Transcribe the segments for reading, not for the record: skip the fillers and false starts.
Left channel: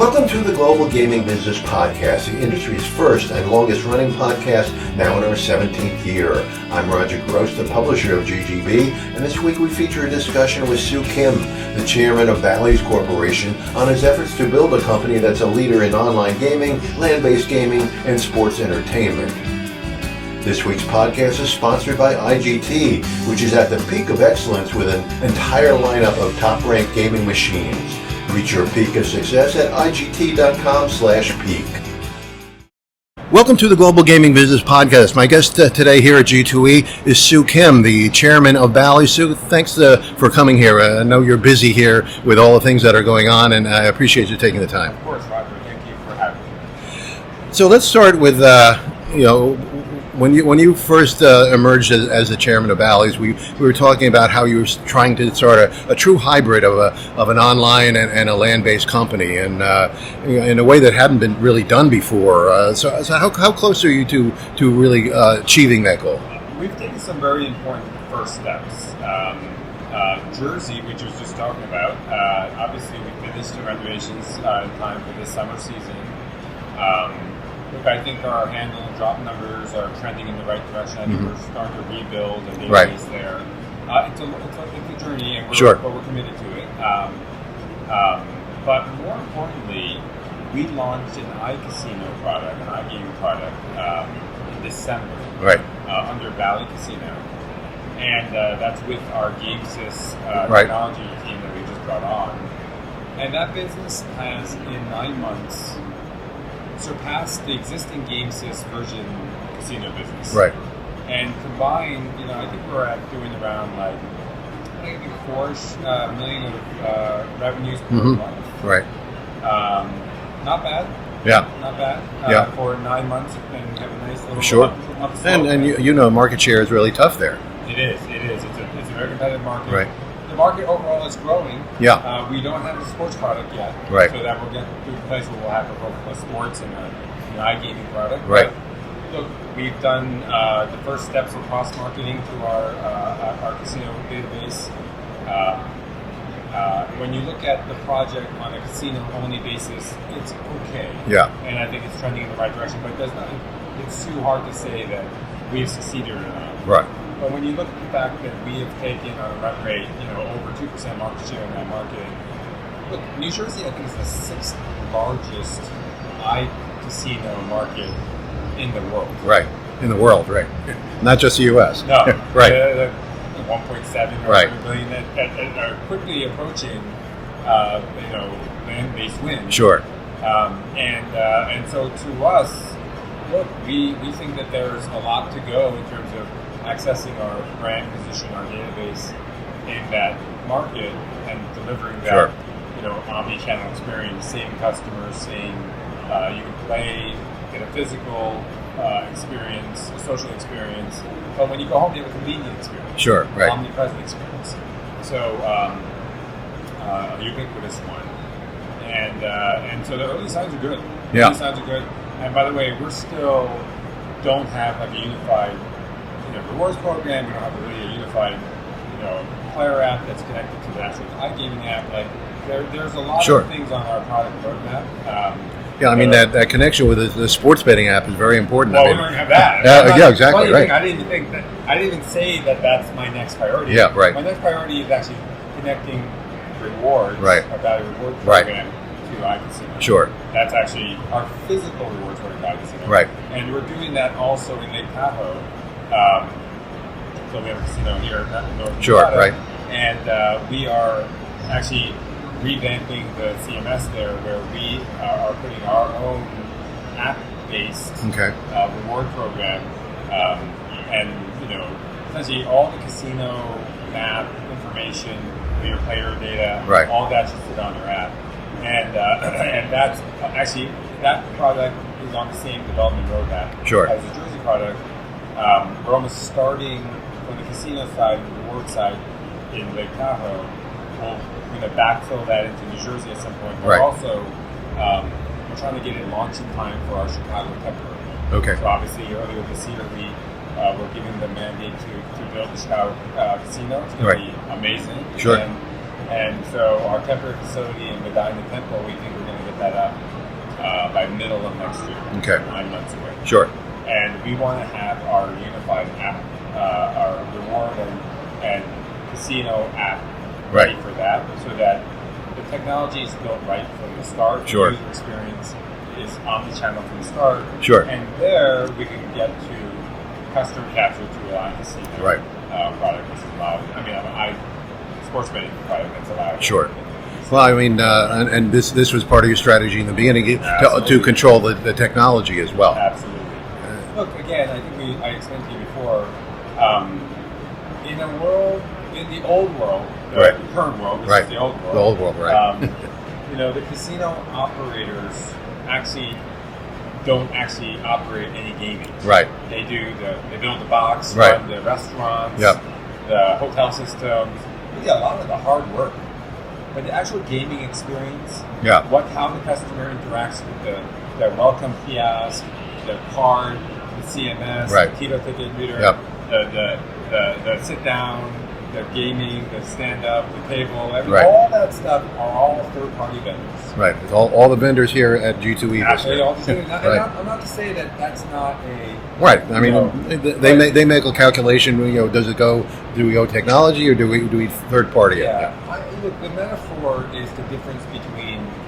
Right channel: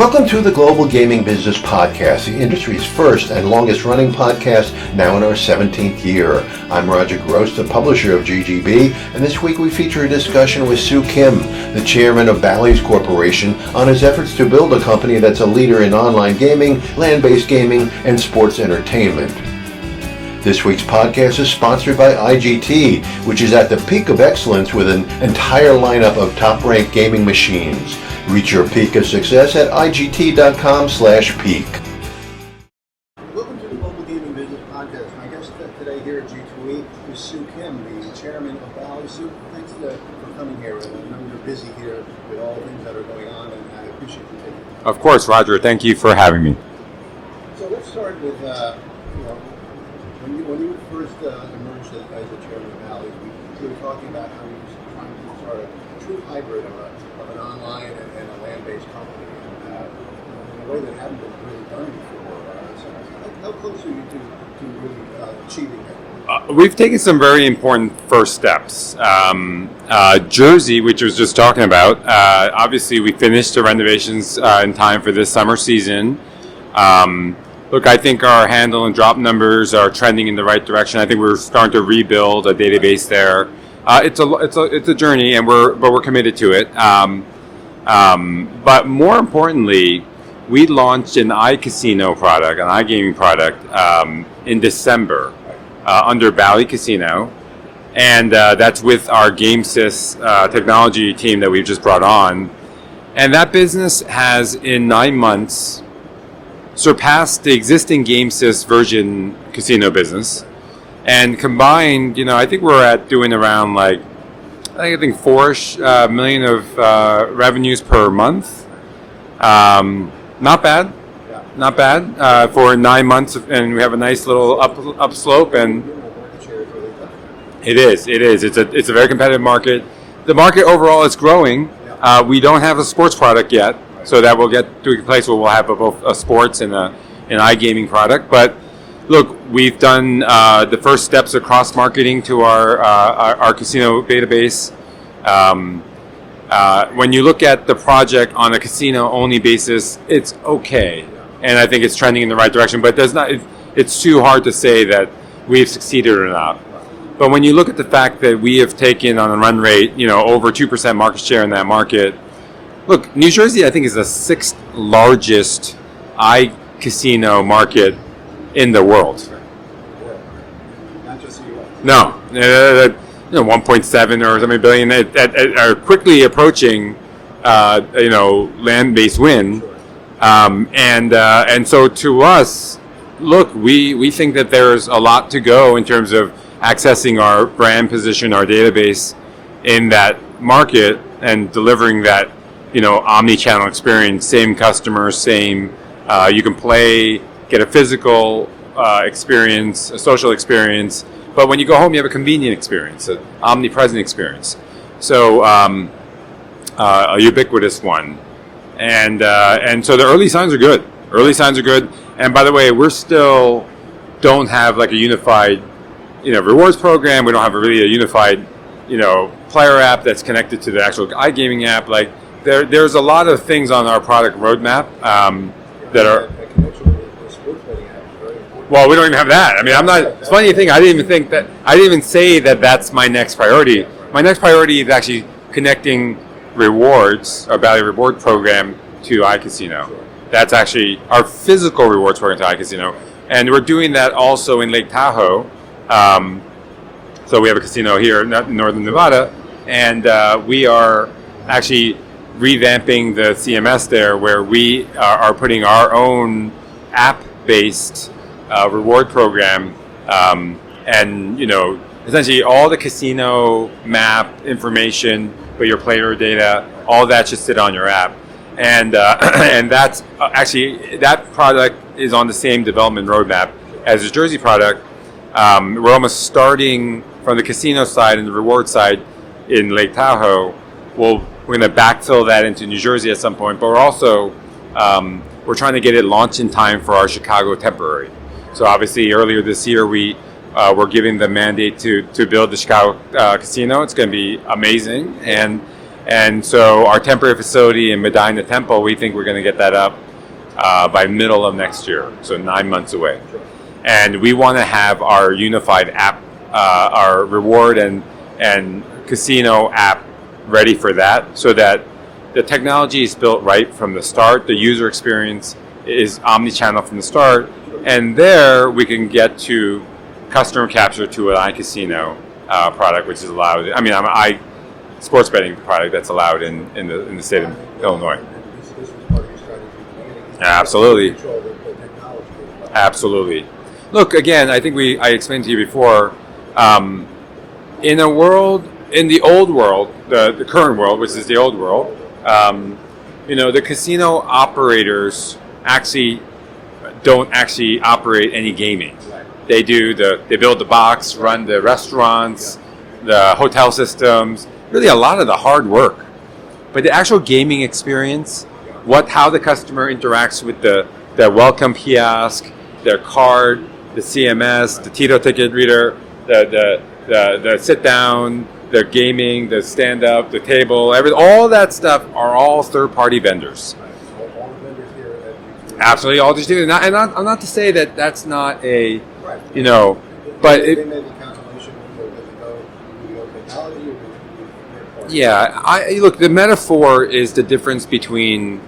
Welcome to the Global Gaming Business Podcast, the industry's first and longest running podcast, now in our 17th year. I'm Roger Gross, the publisher of GGB, and this week we feature a discussion with Soo Kim, the chairman of Bally's Corporation, on his efforts to build a company that's a leader in online gaming, land-based gaming, and sports entertainment. This week's podcast is sponsored by IGT, which is at the peak of excellence with an entire lineup of top-ranked gaming machines. Reach your peak of success at igt.com/peak. Welcome to the Global Gaming Business Podcast. My guest today here at G2E is Soo Kim, the chairman of Bally. Soo, thanks for coming here. I know you're busy here with all the things that are going on, and I appreciate you taking the time. Of course, Roger. Thank you for having me. So let's start with, when you first emerged as the chairman of Bally's, we were talking about how you were trying to start a true hybrid of an online and a land-based company, and in a way that hadn't been really done before. So how close are you to really achieving that goal? We've taken some very important first steps. Jersey, which I was just talking about, obviously we finished the renovations in time for this summer season. Look, I think our handle and drop numbers are trending in the right direction. I think we're starting to rebuild a database there. It's a journey, and we're committed to it. But more importantly, we launched an iCasino product, an iGaming product, in December, under Bally Casino, and that's with our GameSys technology team that we've just brought on. And that business has, in 9 months, surpassed the existing GameSys version casino business. Right. And combined, I think we're at doing around I think 4-ish million of revenues per month. Right. Not bad. Yeah. Not bad for 9 months, and we have a nice little upslope. And market share is really tough there. It is. It's a very competitive market. Right. The market overall is growing. Yeah. We don't have a sports product yet, so that we'll get to a place where we'll have both a sports and an iGaming product. Right. But look, we've done the first steps of cross marketing to our casino database. When you look at the project on a casino only basis, it's okay. Yeah. And I think it's trending in the right direction. But it's too hard to say that we've succeeded or not. Right. But when you look at the fact that we have taken on a run rate, over 2% market share in that market, look, New Jersey, I think, is the 6th largest iCasino market in the world. Right. In the world, right. Not just the U.S. No. 1.7 or something billion are quickly approaching, land-based win. Sure. And so to us, look, we think that there's a lot to go in terms of accessing our brand position, our database in that market, and delivering that, omni-channel experience, same customers, same, you can play, get a physical experience, a social experience, but when you go home, you have a convenient experience. Sure. Right. Omnipresent experience. So, a ubiquitous one. And so the early signs are good. Early signs are good. And by the way, we're still don't have a unified rewards program. We don't have a unified, player app that's connected to the actual iGaming app. There's a lot of things on our product roadmap. That connection with the sports betting app is very important. Well, we don't even have that. Exactly. Funny thing, I didn't even say that that's my next priority. Yeah, right. My next priority is actually connecting rewards, our Bally Reward program, to iCasino. Sure. That's actually our physical rewards program to iCasino. Right. And we're doing that also in Lake Tahoe. So we have a casino here in northern Nevada, and we are actually revamping the CMS there, where we are putting our own app-based reward program, and essentially all the casino map information, but your player data, all that should sit on your app, and that's actually that product is on the same development roadmap as the Jersey product. We're almost starting from the casino side and the reward side in Lake Tahoe. We're going to backfill that into New Jersey at some point, but we're also we're trying to get it launched in time for our Chicago temporary. Okay. So obviously earlier this year we were given the mandate to build the Chicago casino. It's going to be amazing, And so our temporary facility in Medina Temple, we think we're going to get that up by middle of next year, so 9 months away. Sure. And we want to have our unified app, our reward and casino app ready for that, so that the technology is built right from the start. The user experience is omni-channel from the start. Sure. And there we can get to customer capture to an iCasino product, which is allowed. I mean, sports betting product that's allowed in the state. Well, I mean, and this was part of your strategy in the beginning to control the technology as well. Absolutely. Look, again, I think I explained to you before, in the old world, the current world, which is the old world, the casino operators actually don't actually operate any gaming. Right. They build the box, run the restaurants, the hotel systems, really a lot of the hard work. But the actual gaming experience, how the customer interacts with the welcome kiosk, their card, the CMS, the Tito ticket reader, the sit down, the gaming, the stand up, the table, everything, all that stuff are all third party vendors. Right. All the vendors here at G2E. Absolutely, all G2E. And I'm not to say that that's not a they make a calculation. Does it go? Do we go technology or do we third party? Yeah. Look. The metaphor is the difference between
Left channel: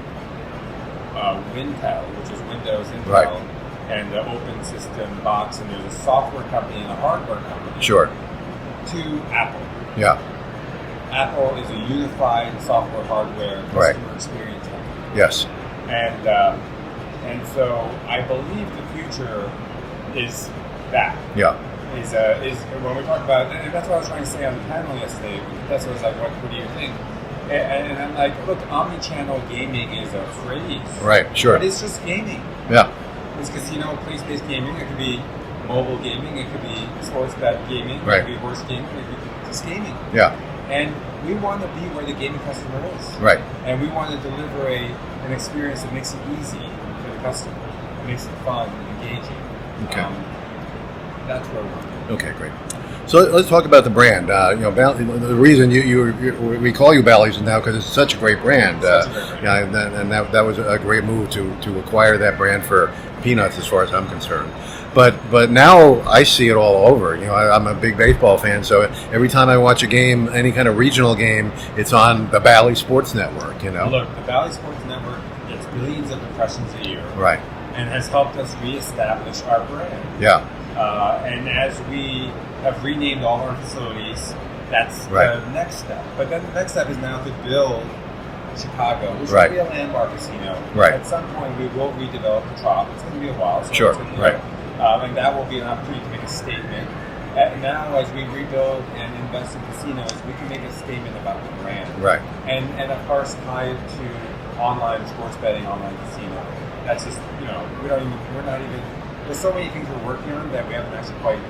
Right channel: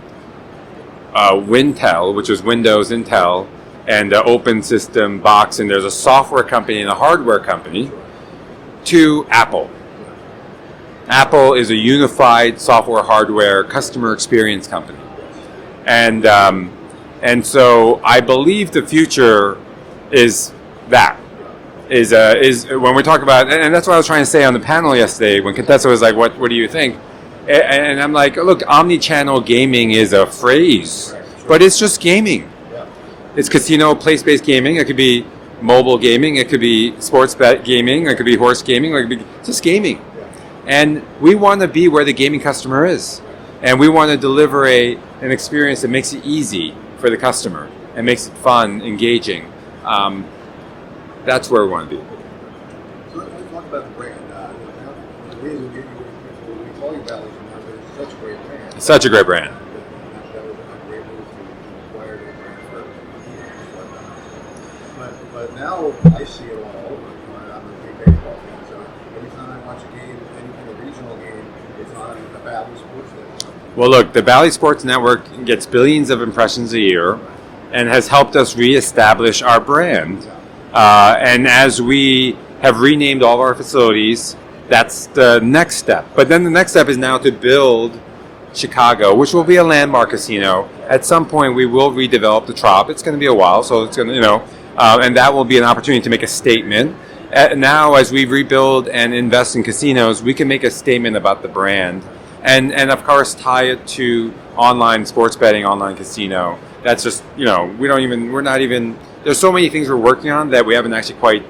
Wintel, which is Windows Intel, and the open system box, and there's a software company and a hardware company. Sure. To Apple. Yeah. Apple is a unified software, hardware, customer experience company. Yes. And so I believe the future is that. Yeah. Is when we're talking about, and that's what I was trying to say on the panel yesterday when Contessa was like, "What do you think?" And I'm like, "Look, omni-channel gaming is a phrase, right? Sure. But it's just gaming. Yeah. It's casino place-based gaming. It could be mobile gaming, it could be sports bet gaming, or it could be horse gaming, or it could be just gaming. Yeah. And we want to be where the gaming customer is. Right. And we want to deliver an experience that makes it easy for the customer and makes it fun, engaging. Okay. That's where we want to be. Okay, great. So let's talk about the brand. The reason we call you Bally's now because it's such a great brand. Such a great brand. And that was a great move to acquire that brand for peanuts, as far as I'm concerned. But now I see it all over. I'm a big baseball fan, so every time I watch a game, any kind of regional game, it's on the Bally Sports Network. Well, look, the Bally Sports Network gets billions of impressions a year, and has helped us reestablish our brand. Yeah. And as we have renamed all of our facilities, that's the next step. But then the next step is now to build Chicago, which will be a landmark casino. Right. At some point, we will redevelop the Trop. It's going to be a while, so it's going to, and that will be an opportunity to make a statement. Now, as we rebuild and invest in casinos, we can make a statement about the brand, and of course tie it to online sports betting, online casino. That's just we're not even. There's so many things we're working on that we haven't actually quite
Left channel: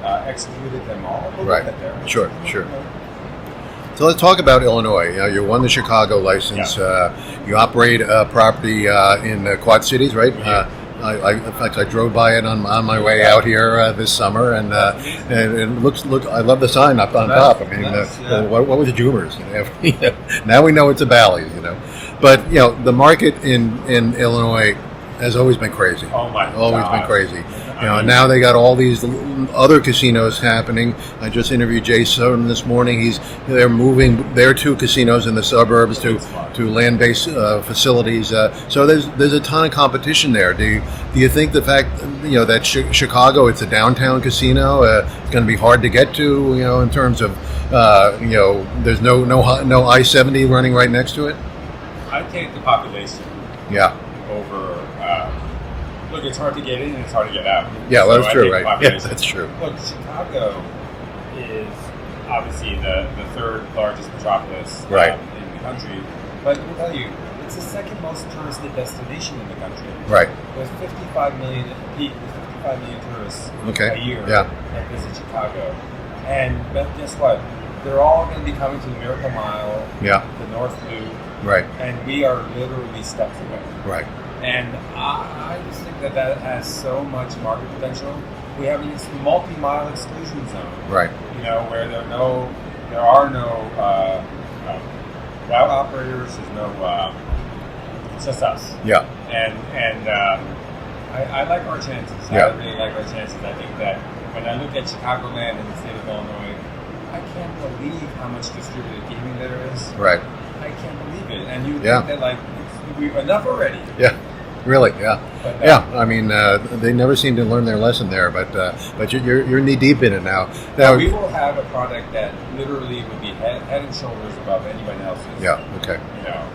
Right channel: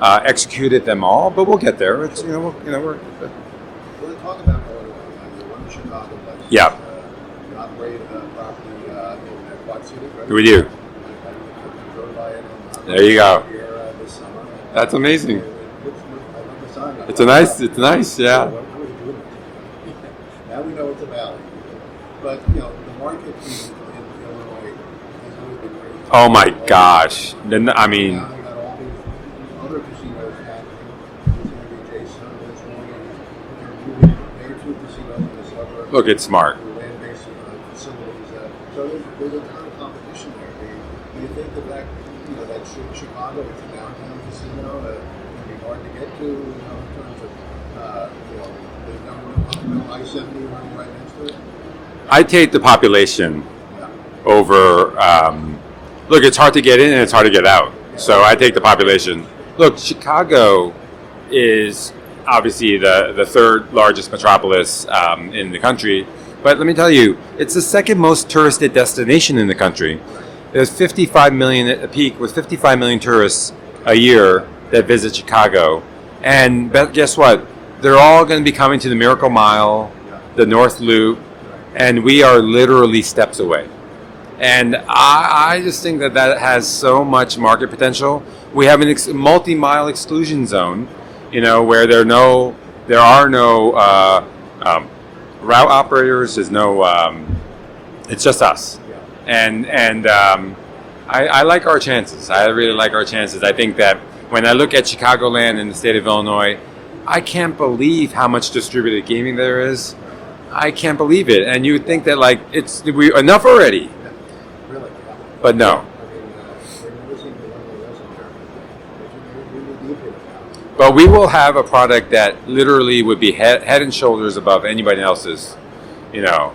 executed them all, but we'll get there. Sure. So let's talk about Illinois. You won the Chicago license. Yeah. You operate a property in the Quad Cities, right? We do. In fact, I drove by it on my way out here this summer, and that's amazing. And it looks. I love the sign up. It's nice. It's nice. Yeah. What was the Jubers? Now we know it's a Bally's. But the market in Illinois has always been crazy. Oh my gosh! Crazy. Now they got all these other casinos happening. I just interviewed Jay Soden this morning. They're moving their two casinos in the suburbs to land-based facilities. So there's a ton of competition there. Do you think the fact that Chicago, it's a downtown casino, it's going to be hard to get to? In terms of there's no I-70 running right next to it. I take the population. Yeah. Over, look, it's hard to get in and it's hard to get out. Yeah, so I take the population. Yeah, that's true. Look, Chicago is obviously the third largest metropolis in the country. But let me tell you, it's the second most touristed destination in the country. Right. There's 55 million at the peak with 55 million tourists a year that visit Chicago. And guess what? They're all going to be coming to the Miracle Mile, the North Loop. Right. And we are literally steps away. Right. And I just think that has so much market potential. We have a multi-mile exclusion zone. Right. Where there are no route operators. There's no. It's just us. Yeah. And I like our chances. Yeah. I really like our chances. I think that when I look at Chicagoland and the state of Illinois, I can't believe how much distributed gaming there is. Right. I can't believe it. And you would think that like we enough already. Yeah. Really, yeah. But no. Yeah, I mean, they never seem to learn their lesson there, but you're knee deep in it now. But we will have a product that literally would be head and shoulders above anybody else's. Yeah. Okay. You know.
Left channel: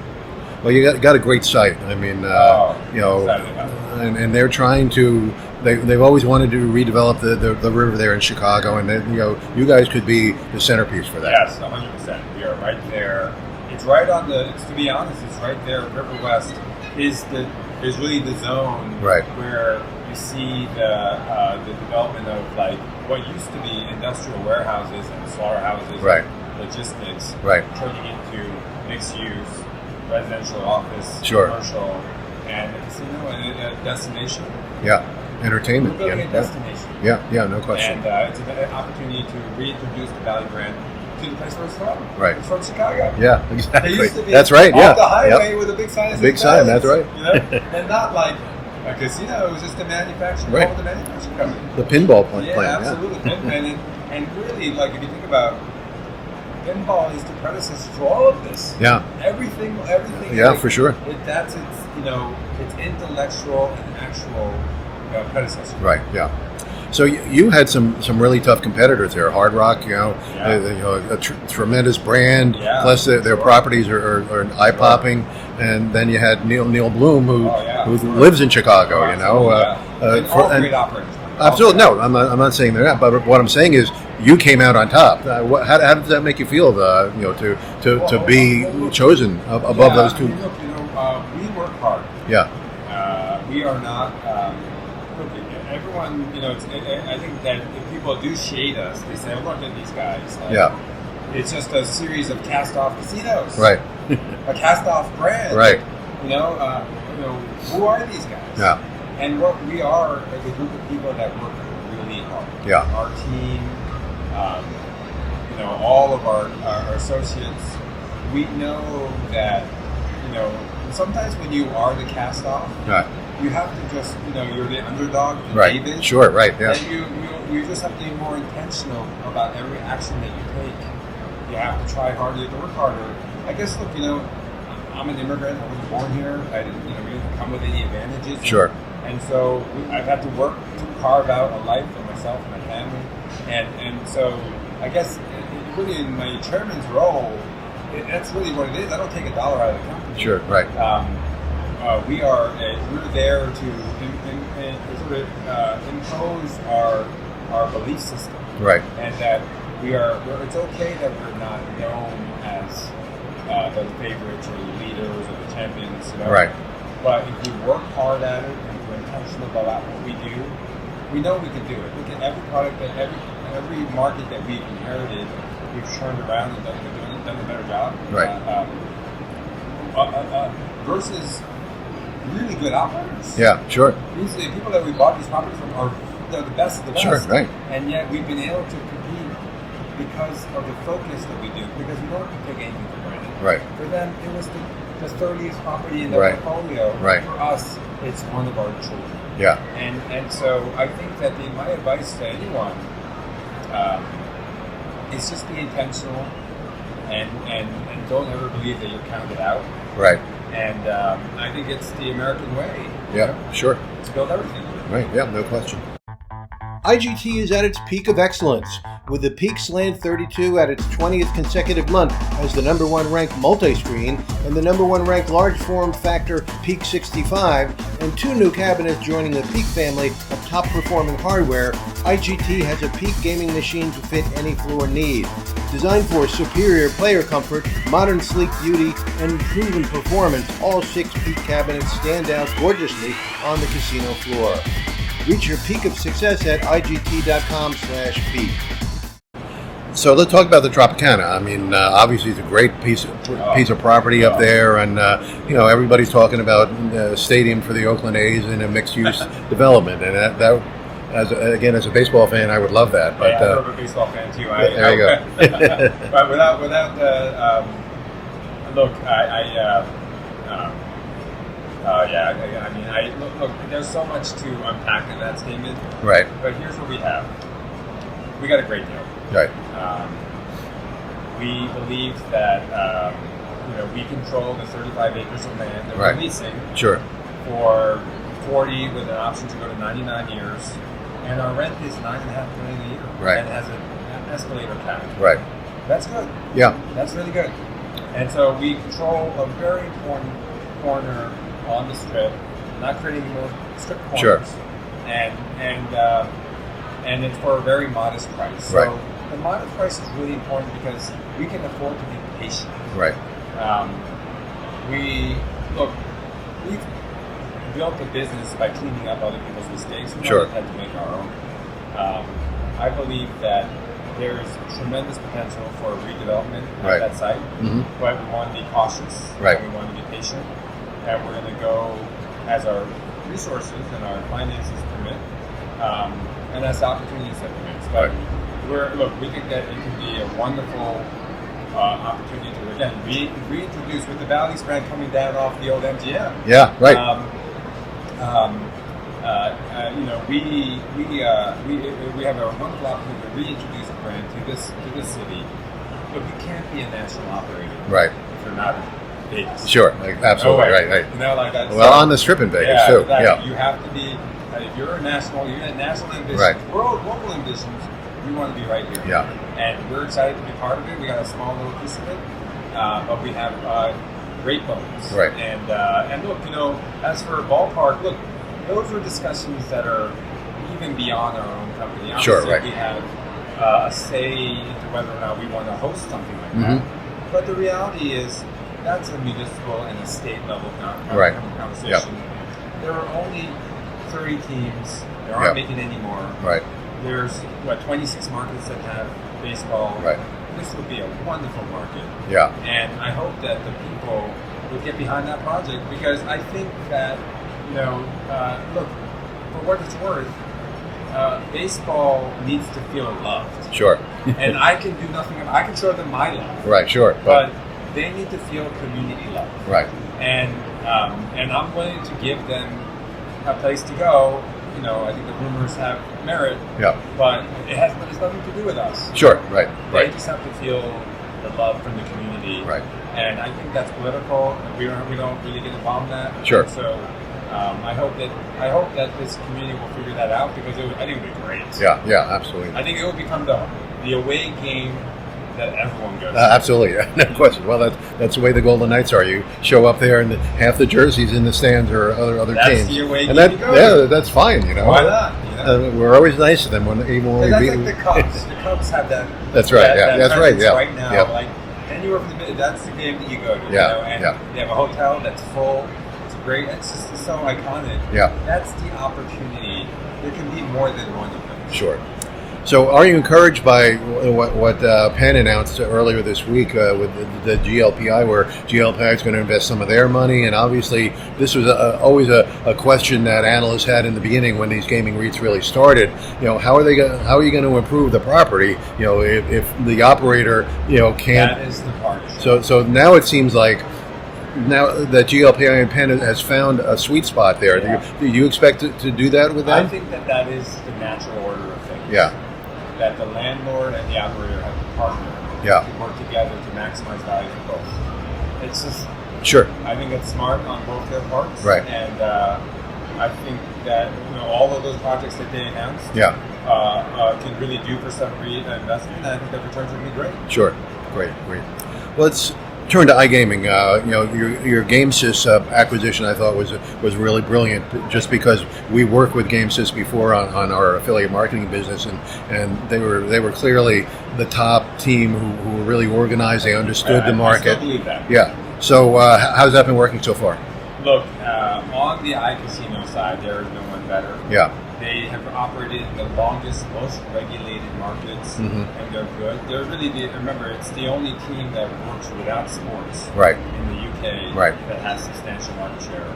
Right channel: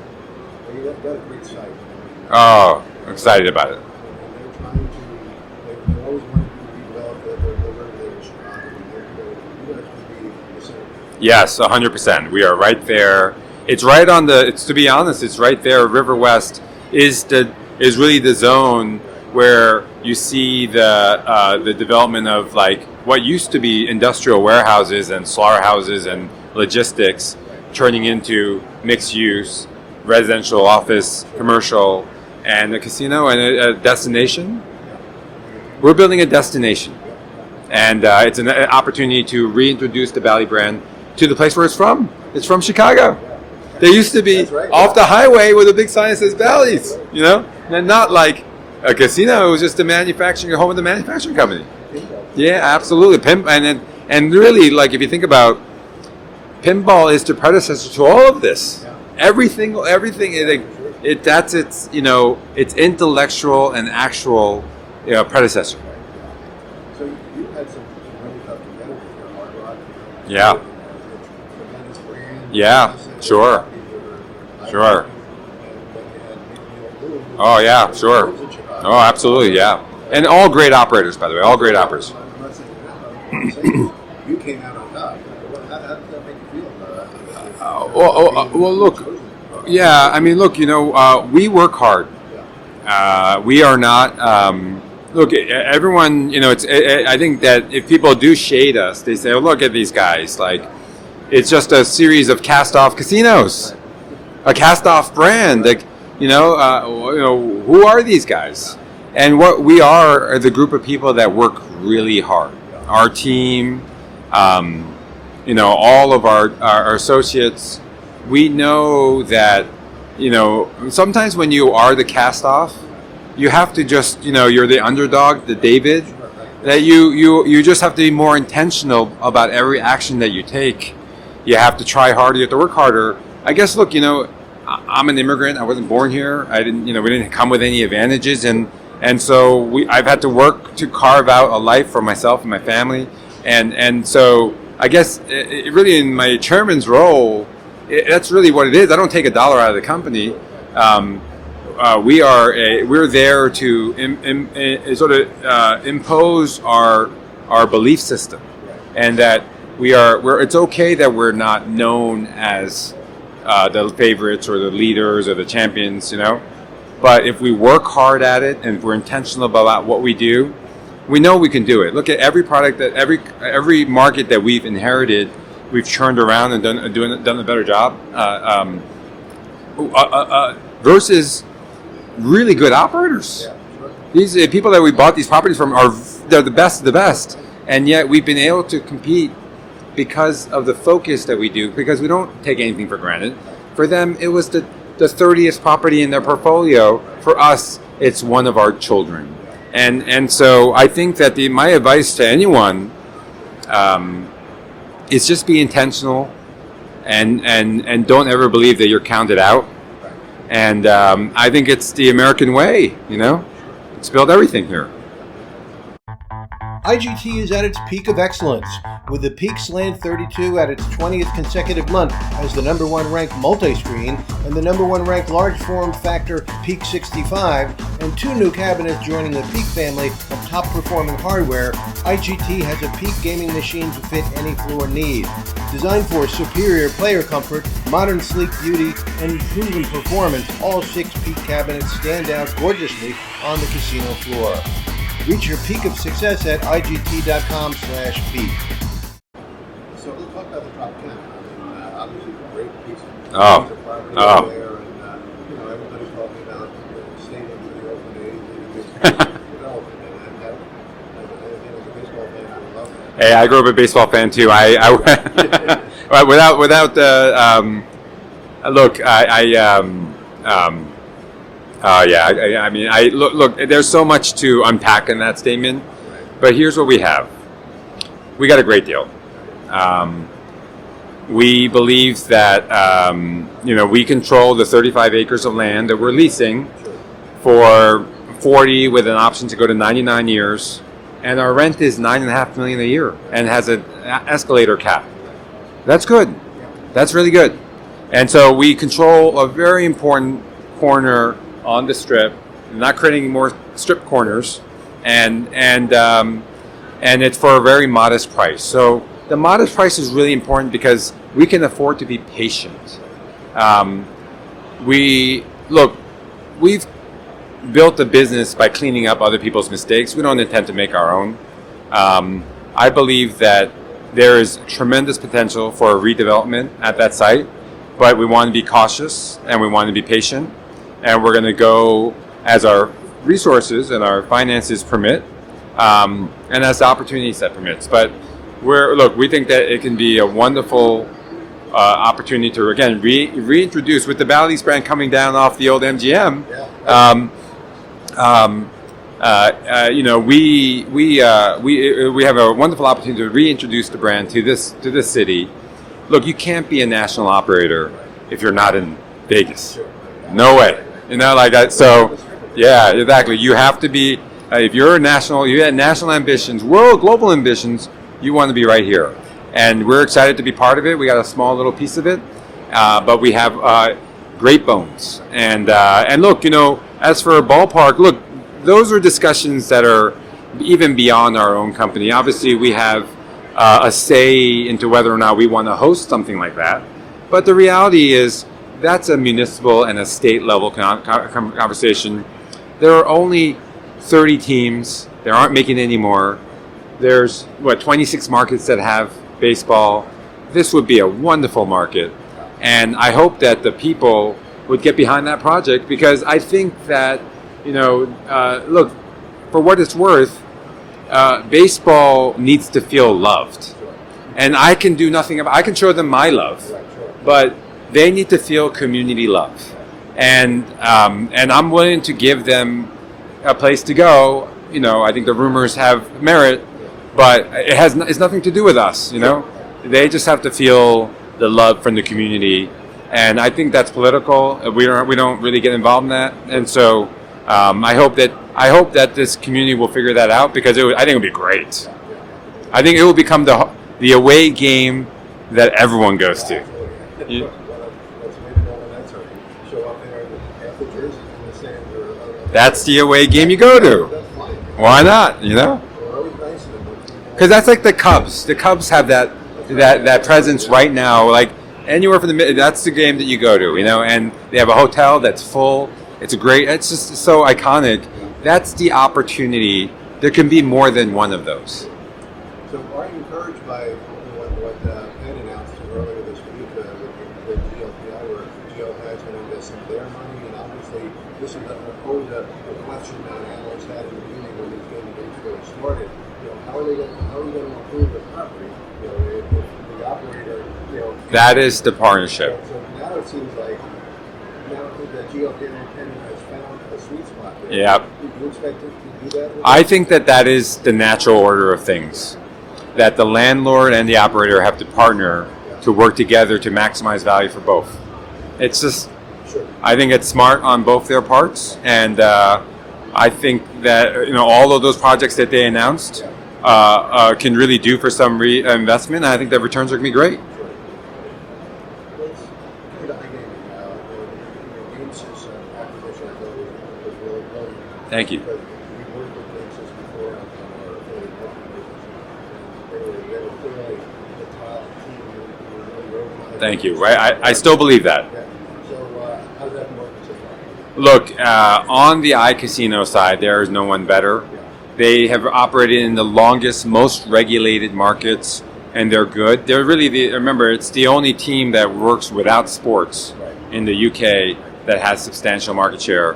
Well, you got a great site. I mean, you know, excited about it. And they're trying to. They've always wanted to redevelop the river there in Chicago, and then, you know, you guys could be the centerpiece for that. Yes, 100%. We are right there. It's right on the. It's, to be honest, it's right there. River West is really the zone where you see the development of like what used to be industrial warehouses and slaughterhouses and logistics turning into mixed use, residential, office, commercial, and a casino and a destination. Yeah, entertainment. We're building a destination. Yeah, no question. And it's an opportunity to reintroduce the Bally brand to the place where it's from. Right. It's from Chicago. Yeah, exactly. There used to be off the highway with a big sign that says Bally's. That's right. You know, and not like a casino. It was just a manufacturing home of the manufacturing company. The pinball plant. Yeah, absolutely. And really, like if you think about pinball, is the predecessor to all of this. Yeah. Everything. Yeah, for sure. That's its its intellectual and actual predecessor. Right. Yeah. So you had some really tough competitors there. Hard Rock, you know, a tremendous brand. Yeah, plus their properties are eye-popping. And then you had Neil Bloom, who lives in Chicago. Oh, absolutely, and all great operators, by the way. All great operators. I'm not saying they're not, but what I'm saying is you came out on top. How did that make you feel? To be chosen? I mean, look, we work hard. Yeah. We are not. Look, everyone, I think that if people do shade us, they say, "Oh, look at these guys!" Like, it's just a series of cast-off casinos, right? A cast-off brand. Right. Like, who are these guys? Yeah. And what we are the group of people that work really hard. Yeah. Our team, all of our associates. We know that, sometimes when you are the cast-off. Right. You have to just, you're the underdog, the David. Sure, right. Yeah. That you just have to be more intentional about every action that you take. You have to try harder. You have to work harder. I guess, look, I'm an immigrant. I wasn't born here. I didn't, we didn't come with any advantages. And so I've had to work to carve out a life for myself and my family. And so I guess really in my chairman's role, that's really what it is. I don't take $1 out of the company. Sure, right. We're there to sort of impose our belief system, right? And that it's okay that we're not known as the favorites or the leaders or the champions, Right. But if we work hard at it and we're intentional about what we do, we know we can do it. Look at every product that every market that we've inherited, we've turned around and done a better job. Right. Versus really good operators. Yeah, sure. These people that we bought these properties from they're the best of the best. Sure, right. And yet we've been able to compete because of the focus that we do, because we don't take anything for granted. Right. For them, it was the 30th property in their portfolio. Right. For us, it's one of our children. Yeah. And so I think that my advice to anyone is just be intentional and don't ever believe that you're counted out. Right. And I think it's the American way, you know? Sure. Let's build everything here. Right, yeah, no question. IGT is at its peak of excellence, with the Peak Slant 32 at its 20th consecutive month as the number one ranked multi-screen and the number one ranked large form factor Peak 65, and 2 new cabinets joining the Peak family of top performing hardware. IGT has a Peak gaming machine to fit any floor need. Designed for superior player comfort, modern sleek beauty, and proven performance, all 6 Peak cabinets stand out gorgeously on the casino floor. Reach your peak of success at IGT.com/peak. So let's talk about the Tropicana. I mean, obviously it's a great piece of property up there, and everybody's talking about a stadium for the Oakland A's and a mixed-use development, and that as a baseball fan, I would love that. Hey, I grew up a baseball fan too. Look, look. There's so much to unpack in that statement. Right. But here's what we have. We got a great deal. Right. We believe that we control the 35 acres of land that we're Right. leasing Sure. for 40 with an option to go to 99 years, and our rent is $9.5 million a year, Right. and has an escalator cap. Right. That's good. Yeah. That's really good. And so we control a very important corner on the strip, not creating more strip corners, and it's for a very modest price. So the modest price is really important because we can afford to be patient. Right. We've built a business by cleaning up other people's mistakes. We don't Sure. intend to make our own. I believe that there is tremendous potential for redevelopment at Right. that site, but we want to be cautious Right. and we want to be patient, and we're going to go as our resources and our finances permit, and as the opportunity set permits. But we think that it can be a wonderful opportunity to again reintroduce with the Bally's brand coming down off the old MGM. Yeah. Right. We have a wonderful opportunity to reintroduce the brand to this city. Look, you can't be a national operator Right. if you're not in Vegas. Sure. Absolutely. No way. Right. Right. You know, like that. Well, So on the strip in Vegas, yeah, too. exactly. Yeah. You have to be. If you're a national, you have national ambitions, Right. global ambitions. You want to be right here. Yeah. And we're excited to be part of it. We got a small little piece of it, but we have great bones. Right. And look, as for a ballpark, look, those are discussions that are even beyond our own company. Obviously, right. we have a say into whether or not we want to host something like that. But the reality is that's a municipal and a state level Right. conversation. There are only 30 teams. There aren't Yeah. making any more. Right. There's 26 markets that have baseball. Right. This would be a wonderful market. Yeah. And I hope that the people would get behind that project, because I think that, look, for what it's worth, baseball needs to feel loved. Sure. And I can do nothing about I can show them my love. Right. Sure. But they need to feel community love. Right. And I'm willing to give them a place to go. I think the rumors have merit, Yeah. but it's nothing to do with us. You Sure. know? Right. They Right. just have to feel the love from the community. Right. And I think that's political. We don't really get involved in that. Sure. And so I hope that this community will figure that out, because I think it would be great. Yeah. Yeah. Absolutely. I think it will become the away game that everyone goes to. Absolutely, yeah. No question. Well, that's the way the Golden Knights are. You show up there, and half the jerseys in the stands are other That's games. the away And game you go to. That's fine. Why not? We're always nice to them even when Because that's like the beating- Cubs. The Cubs have that. That's right, That, yeah, that that's presence right, yeah. right now. Yeah. Like anywhere from that's the game that you go to. Yeah, And yeah. they have a hotel that's full. It's it's just so iconic. Yeah. That's the opportunity. There can be more than one of those. Sure. So, are you encouraged by what Penn announced earlier this week with the GLPI, where GLPI is going to invest some of their money? And obviously, this was always a question that analysts had in the beginning when these gaming REITs really started. How are you going to improve the property? If the operator can't. That is the partnership. So now it seems like. Now that GLPI and Penn has found a sweet spot there, Yeah. do you expect to do that with them? I think that is the natural order of things. Yeah. That the landlord and the operator have to partner Yeah. to work together to maximize value for both. It's just, Sure. I think it's smart on both their parts. Right. And I think that all of those projects that they announced can really do for some investment. And I think the returns are going to be great. Sure. Great. Let's turn to iGaming. Your GameSys acquisition, I thought was really brilliant. Just because we worked with GameSys before on our affiliate marketing business, and they were clearly the top team who were really organized. Thank They you. understood the market. I still believe that. Yeah. So how's that been working so far? Look, on the iCasino side, there is no one better. Yeah. They have operated in the longest, most regulated markets, and they're good. They're really remember, it's the only team that works without sports Right. in the UK Right. that has substantial market share.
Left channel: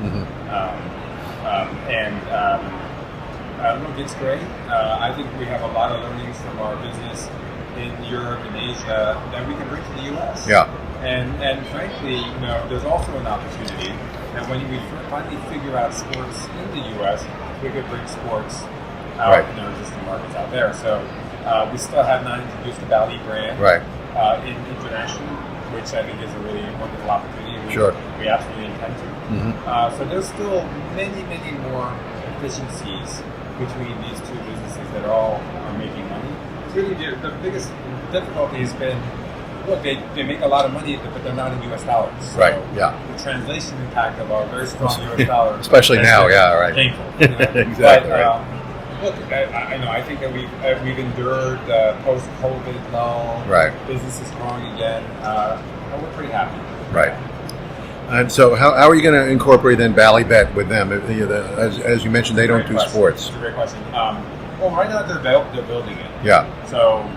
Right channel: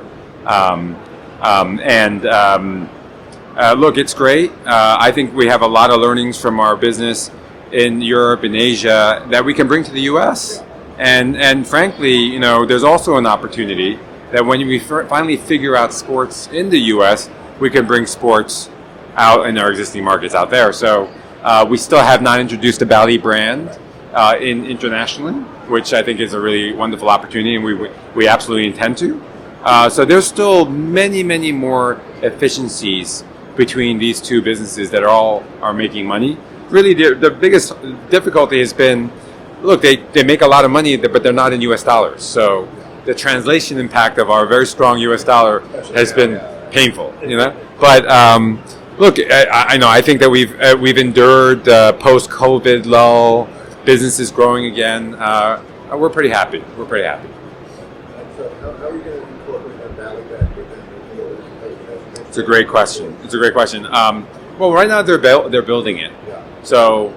Look, it's great. I think we have a lot of learnings from our business in Europe and Asia that we can bring to the US. Yeah. And frankly, there's also an opportunity that when we finally figure out sports in the U.S., we can bring sports out in our existing markets out there. So we still have not introduced the Bally brand internationally, which I think is a really wonderful opportunity, and we absolutely intend to. So there's still many, many more efficiencies between these two businesses that are making money. Really, the biggest difficulty has been, look, they make a lot of money, but they're not in U.S. dollars. So the translation impact of our very strong U.S. dollar especially has now, been painful. Exactly. But look, I know. I think that we've endured post-COVID lull, businesses growing again. We're pretty happy. Happy. And so, how are you going to incorporate then Bally Bet with them? As you mentioned, they don't do sports. It's a great question. Well, right now they're building it. Yeah. So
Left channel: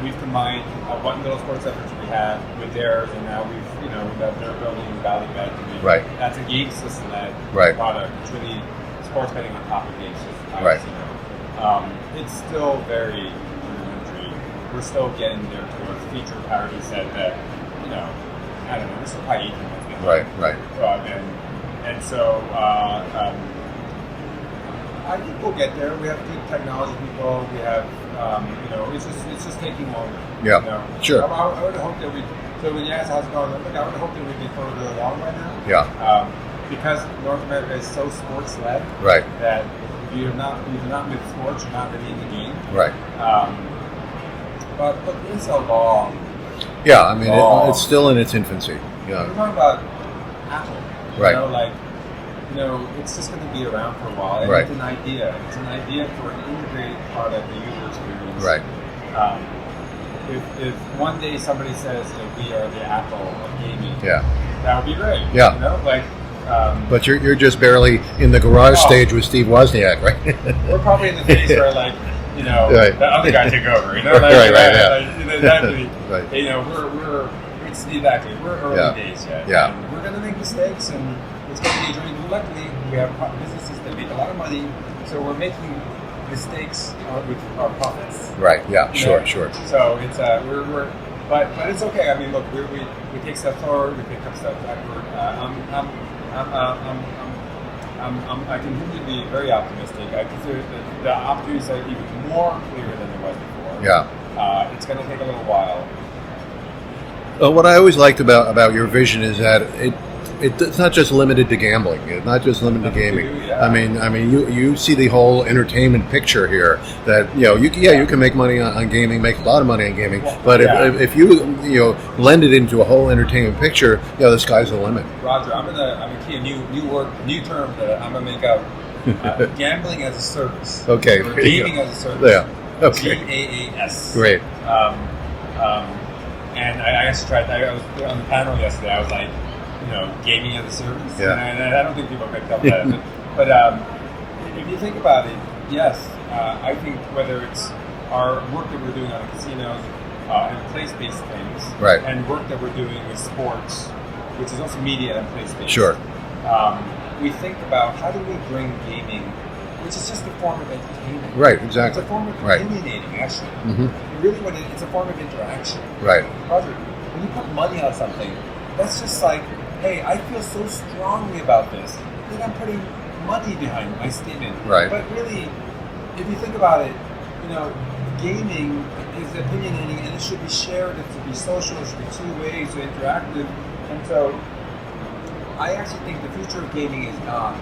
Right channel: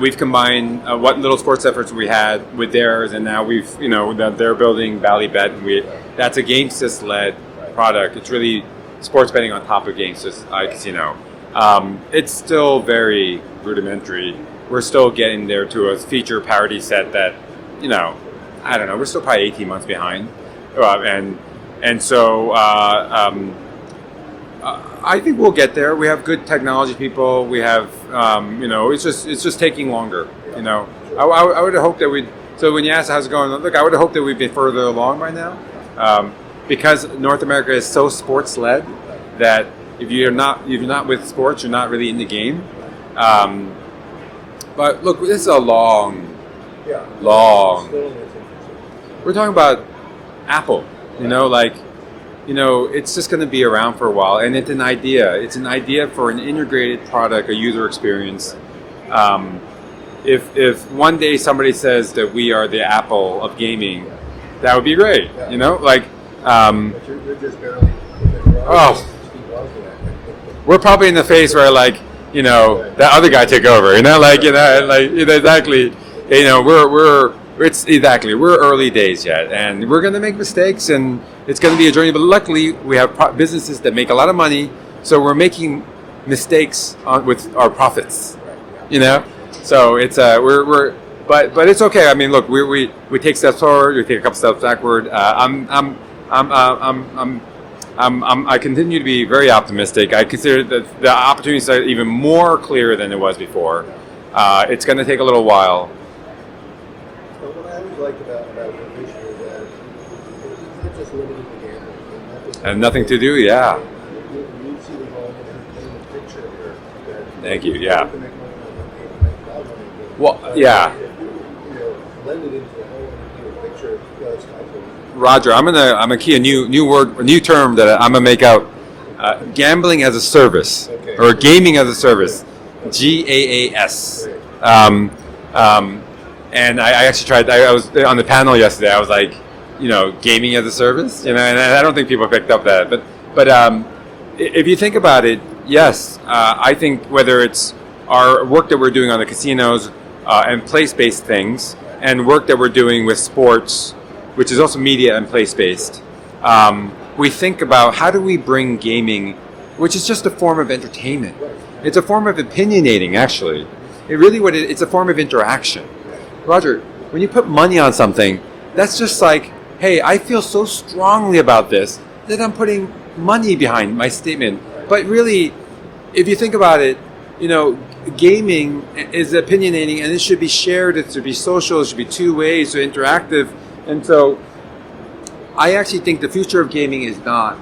we've combined what little sports efforts we had with theirs, and now they're building Bally Bet. That's a GameSys-led product. It's really sports betting on top of GameSys, it's still very rudimentary. We're still getting there to a feature parity set that, I don't know, we're still probably 18 months behind. And so I think we'll get there. We have good technology people. We have, it's just taking longer. Yeah. Sure. I would hope that so when you ask how's it going, look, I would hope that we'd be further along by now. Yeah. Because North America is so sports-led that if you're not with sports, you're not really in the game. Right. But look, this is a long. Yeah, I mean, it's still in its infancy. Yeah. We're talking about Apple. It's just going to be around for a while, and it's an idea. It's an idea for an integrated product, a user experience. Right. If one day somebody says that we are the Apple of gaming, that would be great. Yeah. But you're just barely in the garage stage with Steve Wozniak, right? We're probably in the phase where that other guy took over. Exactly. We're early days yet, and we're going to make mistakes, and it's going to be a journey. But luckily, we have businesses that make a lot of money, so we're making mistakes with our profits. Right. Yeah. Sure. So it's but it's okay. I mean, look, we take steps forward, we take a couple steps backward. I continue to be very optimistic. I consider that the opportunities are even more clear than it was before. Yeah. It's going to take a little while. What I always liked about your vision is that it's not just limited to gambling. It's not just limited nothing to do. Yeah. I mean, you see the whole entertainment picture here. That you can make money on gaming, make a lot of money on gaming. Well, but if you blend it into a whole entertainment picture, the sky's the limit. Roger, I'm gonna key a new term that I'm gonna make out. Gambling as a service. Okay. Or gaming as a service. Yeah. Okay. GAAS. Great. And I actually tried. I was on the panel yesterday. I was like, gaming as a service. Yeah. And I don't think people picked up that. but if you think about it, yes, I think whether it's our work that we're doing on the casinos and place-based things, and work that we're doing with sports, which is also media and place-based. Sure. We think about how do we bring gaming, which is just a form of entertainment. Right, exactly. It's a form of opinionating, actually. Mm-hmm. It's a form of interaction. Right. Roger, when you put money on something, that's just like, hey, I feel so strongly about this that I'm putting money behind my statement. Right. But really, if you think about it, gaming is opinionating, and it should be shared, it should be social, it should be two-way, so interactive. And so I actually think the future of gaming is not,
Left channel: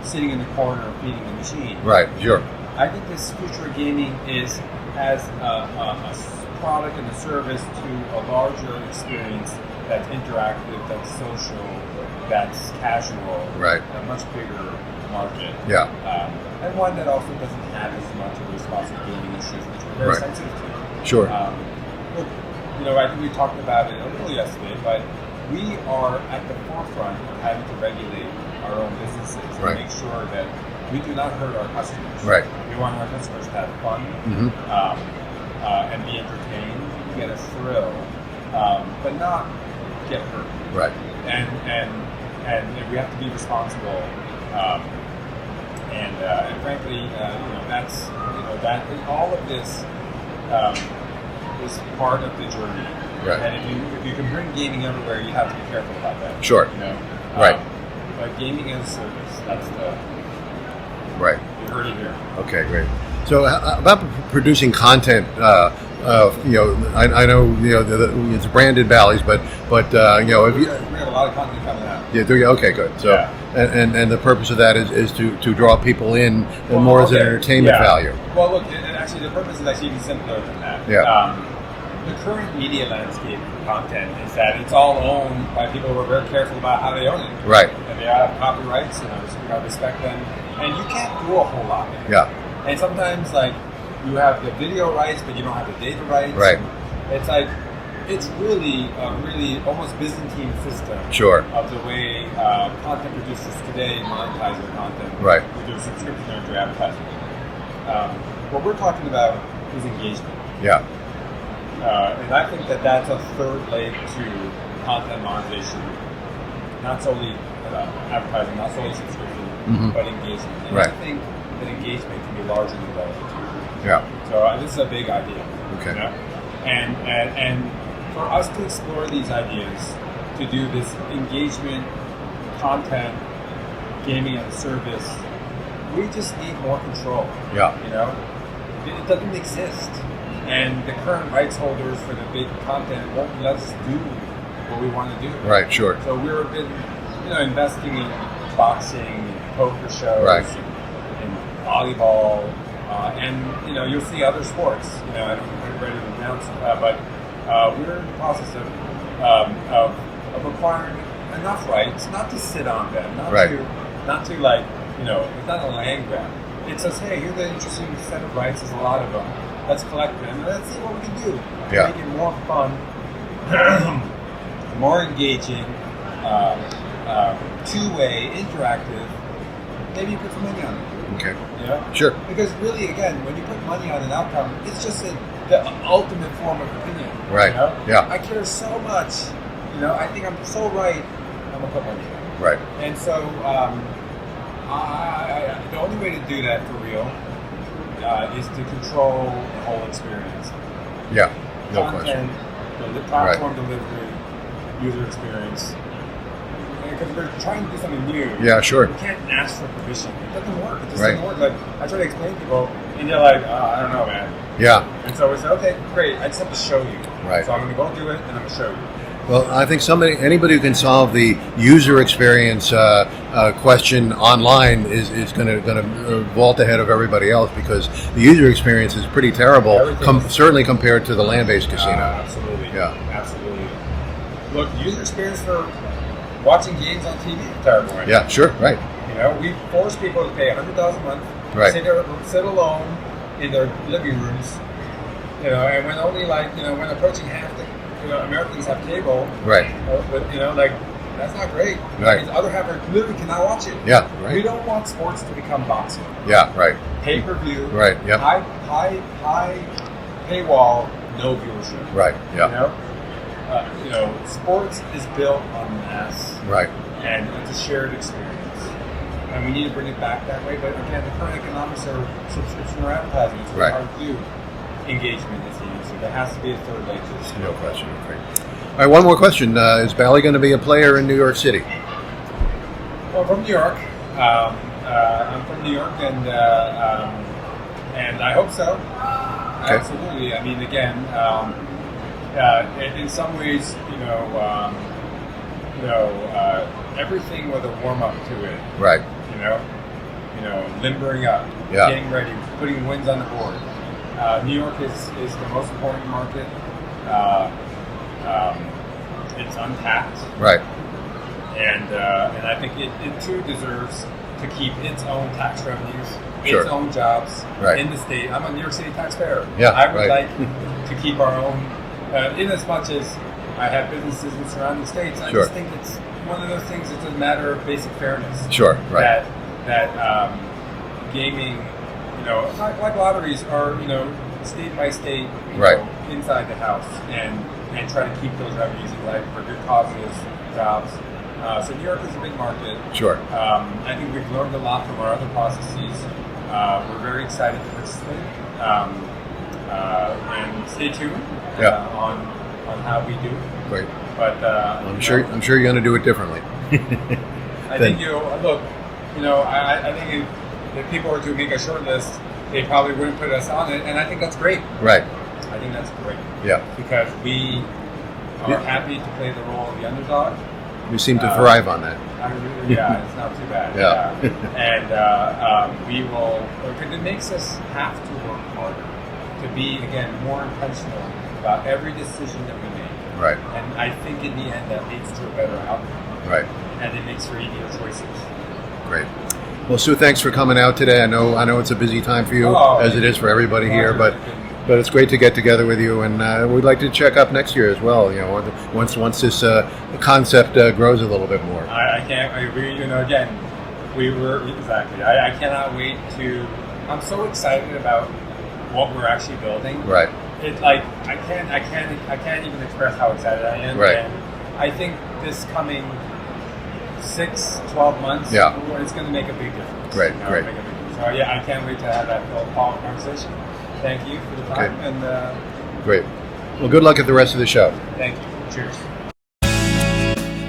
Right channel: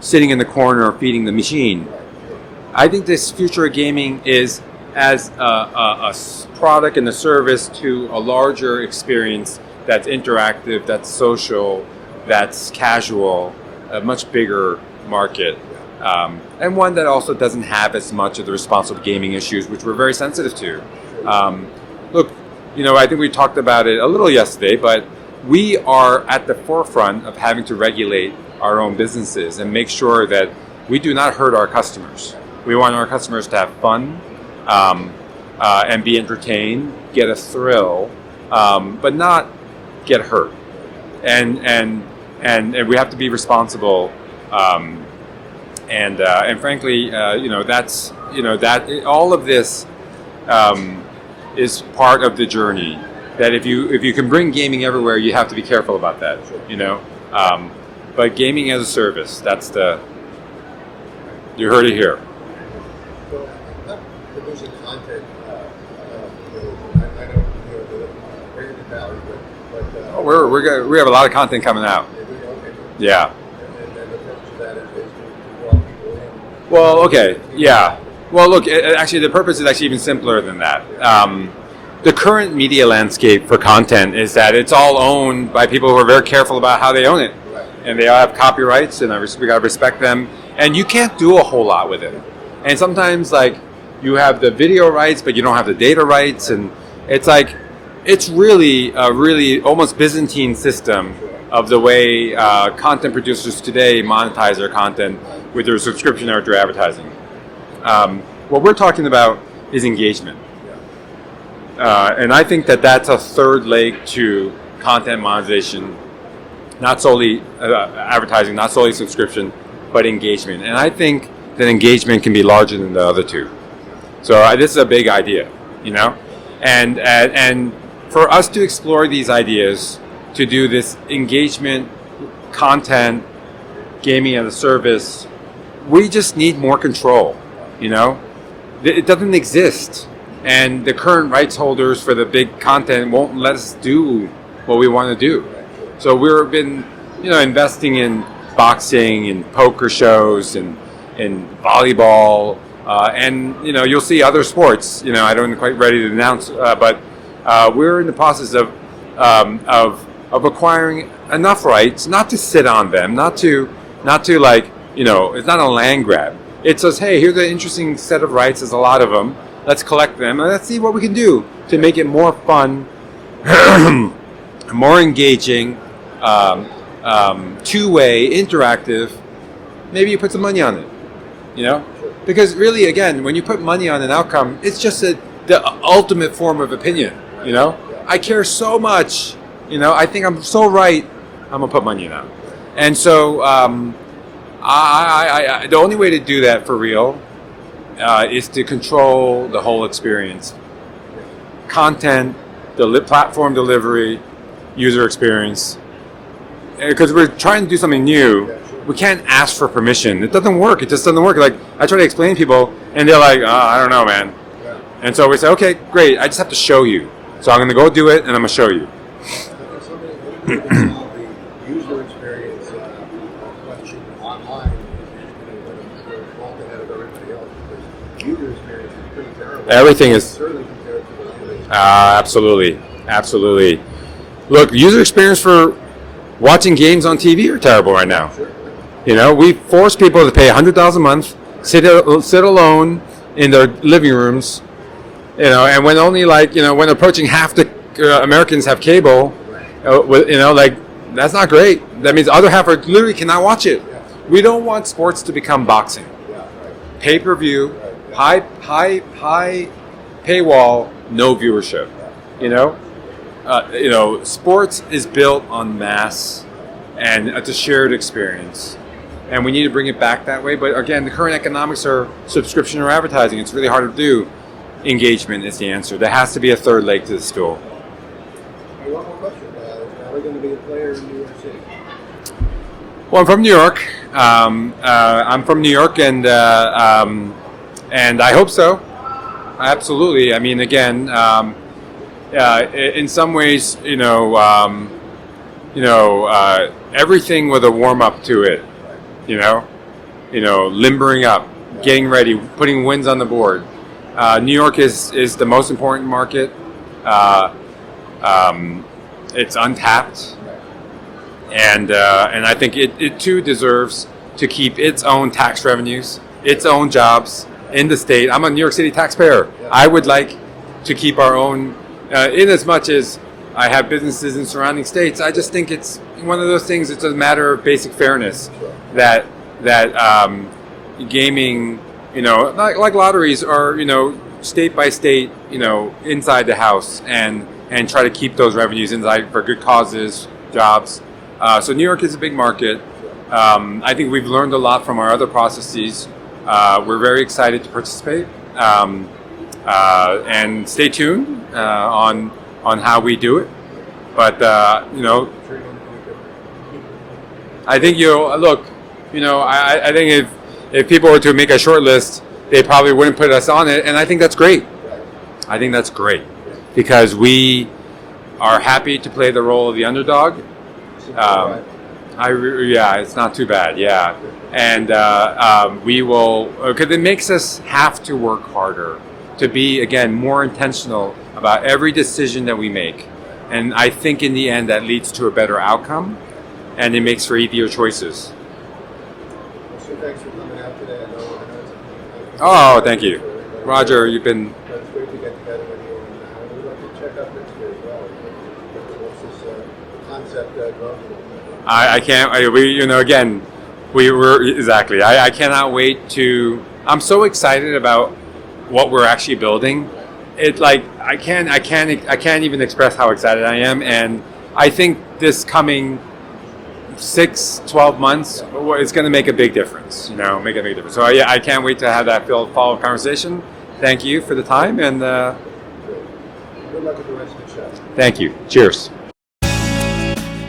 sitting in the corner feeding the machine. Right, sure. I think this future of gaming is as a product and a service to a larger experience that's interactive, that's social, that's casual, a much bigger market. Yeah. And one that also doesn't have as much of the responsible gaming issues, which we're very sensitive to. Sure. Look, I think we talked about it a little yesterday, but we are at the forefront of having to regulate our own businesses and make sure that we do not hurt our customers. Right. We want our customers to have fun, and be entertained, get a thrill, but not get hurt. Right. And we have to be responsible. And frankly, that's that all of this is part of the journey. Right. That if you can bring gaming everywhere, you have to be careful about that. Sure. You know. Right. But gaming as a service, that's the. Right. You heard it here. Okay, great. So about producing content, you know, I know you know it's branded Bally's, but you know, we have a lot of content coming out. Yeah, do you? Okay, good. So, Yeah. And the purpose of that is to draw people in Well, more as okay. entertainment Yeah. value. Well, look, actually, the purpose is actually even simpler than that. Yeah. The current media landscape for content is that it's all owned by people who are very careful about how they own it. Right. And they all have copyrights, and we got to respect them. And you can't do a whole lot with it. Yeah. And sometimes, like, you have the video rights, but you don't have the data rights. Right. And it's like, it's really a really almost Byzantine system Sure. of the way content producers today monetize their content Right. with their subscription or their advertising. What we're talking about is engagement. Yeah. And I think that that's a third leg to content monetization, not solely advertising, not solely subscription, but engagement. And I think that engagement can be larger than the other two. Yeah. So this is a big idea, you know, and for us to explore these ideas, to do this engagement, content, gaming as a service, we just need more control. Yeah. You know, it doesn't exist, and the current rights holders for the big content won't let us do what we want to do. Right. Sure. So we've been, you know, investing in boxing and poker shows and volleyball. And you know, you'll see other sports. You know, I don't quite ready to announce, but we're in the process of acquiring enough rights, not to sit on them, not to like, you know, it's not a land grab. It says, hey, here's an interesting set of rights. There's a lot of them. Let's collect them and let's see what we can do to make it more fun, more engaging, two-way, interactive. Maybe you put some money on it. Okay. You know? Sure. Because really, again, when you put money on an outcome, it's just the ultimate form of opinion. Right. You know? Yeah. I care so much. You know, I think I'm so right. I'm gonna put money in that. Right. And so, I the only way to do that for real is to control the whole experience. Yeah. Content, platform delivery, user experience. Because we're trying to do something new. Yeah, sure. We can't ask for permission. It doesn't work. It just doesn't work. Like, I try to explain to people, and they're like, I don't know, man. Yeah. And so we say, okay, great. I just have to show you. Right. So I'm going to go do it, and I'm going to show you. Well, I think anybody who can solve the user experience question online is going to vault ahead of everybody else, because the user experience is pretty terrible. Everything is certainly compared to the land-based. Absolutely. Yeah. Absolutely. Look, user experience for watching games on TV are terrible right now. Yeah, sure, right. You know, we force people to pay $100 a month, sit alone in their living rooms, you know, and when only when approaching half the Americans have cable, right? You know, like, that's not great. That means the other half literally cannot watch it. Yeah, right. We don't want sports to become boxing. Yeah, right. Pay-per-view, right? Yeah. High paywall, no viewership. Right. Yep. You know, sports is built on mass, right? And it's a shared experience, and we need to bring it back that way. But again, the current economics are subscription or advertising. It's really hard to do. Engagement is the answer. There has to be a third leg to the stool. All right, one more question. Is Bally going to be a player in New York City? Well, I'm from New York. I'm from New York, and I hope so. Absolutely. I mean, again, in some ways, everything with a warm up to it. Right. Limbering up, getting ready, putting wins on the board. New York is the most important market. It's untapped. Right. And I think it too deserves to keep its own tax revenues, its own jobs in the state. I'm a New York City taxpayer. Yeah, I would like to keep our own, in as much as I have businesses in surrounding states. I just think it's one of those things. It's a matter of basic fairness. Sure. Right. That gaming, like lotteries are, state by state, inside the house, and try to keep those revenues inside for good causes, jobs. So New York is a big market. Sure. I think we've learned a lot from our other processes. We're very excited to participate. And stay tuned on on how we do it. Right. But I'm sure you're going to do it differently. I think look. I think if people were to make a short list, they probably wouldn't put us on it, and I think that's great. Right. I think that's great. Yeah. Because we are happy to play the role of the underdog. You seem to thrive on that. It's not too bad. Yeah. And we will, because it makes us have to work harder to be, again, more intentional about every decision that we make. Right. And I think in the end that leads to a better outcome. Right. And it makes for easier choices. Great. Well, Soo, thanks for coming out today. I know it's a busy time for you. Oh, as thank it you. is for everybody Roger, here. you've been. But it's great to get together with you, and we'd like to check up next year as well. Once this concept grows a little bit more. I can't. Again, we were exactly. I cannot wait to. I'm so excited about what we're actually building. Right. It's like I can't even express how excited I am, Right. and I think this coming 6-12 months, it's going to make a big difference. Right, right. Make a big difference. So I can't wait to have that follow-up conversation. Thank you for the time, and great. Well, good luck at the rest of the show. Thank you. Cheers.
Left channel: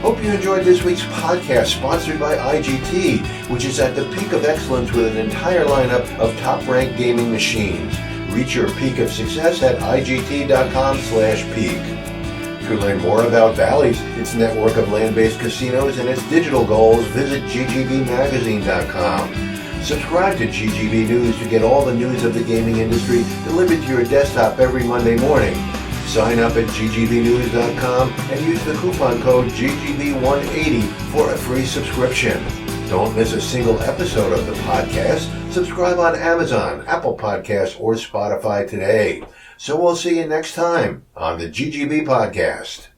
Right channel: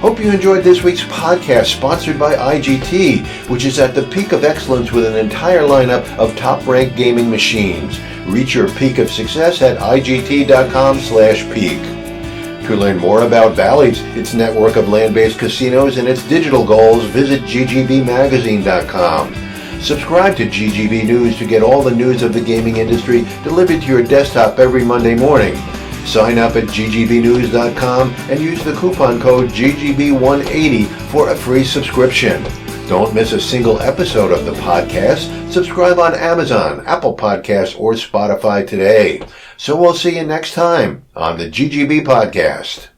Hope you enjoyed this week's podcast sponsored by IGT, which is at the peak of excellence with an entire lineup of top-ranked gaming machines. Reach your peak of success at IGT.com/peak. To learn more about Bally's, its network of land-based casinos, and its digital goals, visit GGBmagazine.com. Subscribe to GGB News to get all the news of the gaming industry delivered to your desktop every Monday morning. Sign up at ggbnews.com and use the coupon code GGB180 for a free subscription. Don't miss a single episode of the podcast. Subscribe on Amazon, Apple Podcasts, or Spotify today. So we'll see you next time on the GGB Podcast.